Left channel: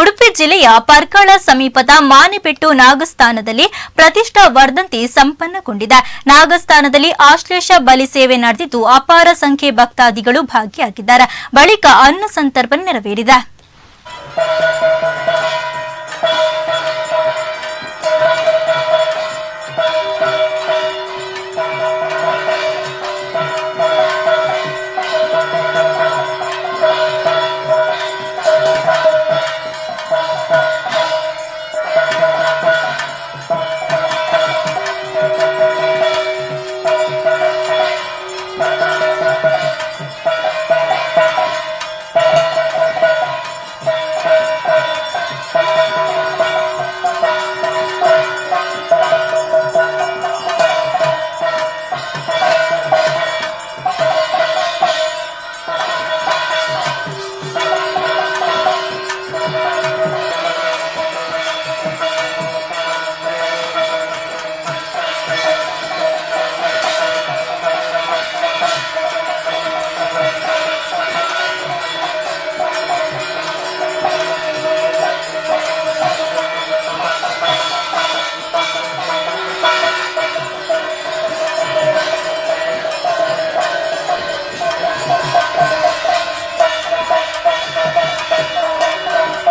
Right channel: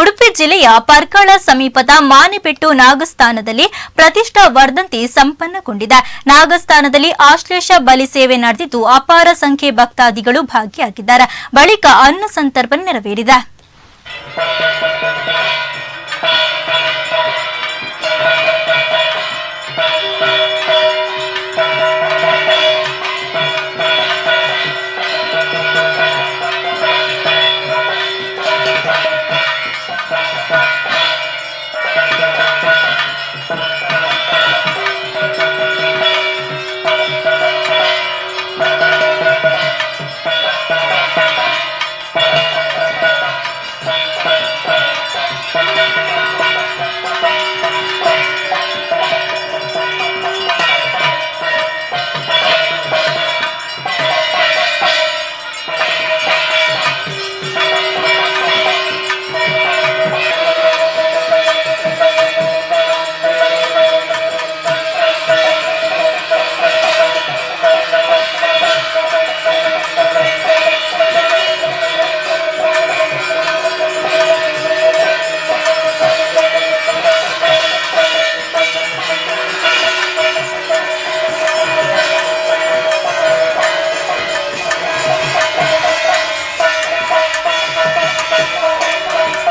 ಉಡುಪಿ ಜಿಲ್ಲೆಯ ಪರ್ಕಳ ಸಮೀಪದ ಮಾನೆಪೆಟ್ಟು ನಾಗಸ್ಥಾನದಲ್ಲಿ ಪ್ರತಿಷ್ಠಾ ವರ್ಧಂತಿ ಸಂಪನ್ನಗೊಂಡಿದೆ. ನಾಗಸ್ಥಾನದಲ್ಲಿ ಆಶ್ಲೇಷ ಬಲಿ ಸೇವೆ ನಡೆದಿದ್ದು ಅಪಾರ ಸಂಖ್ಯೆ ಭಕ್ತಾದಿಗಳು ಭಾಗಿಯಾಗಿದ್ದಾರೆ. ಬಳಿಕ ಅನ್ನ ಸಂತರ್ಪಣೆ ನೆರವೇರಿದೆ.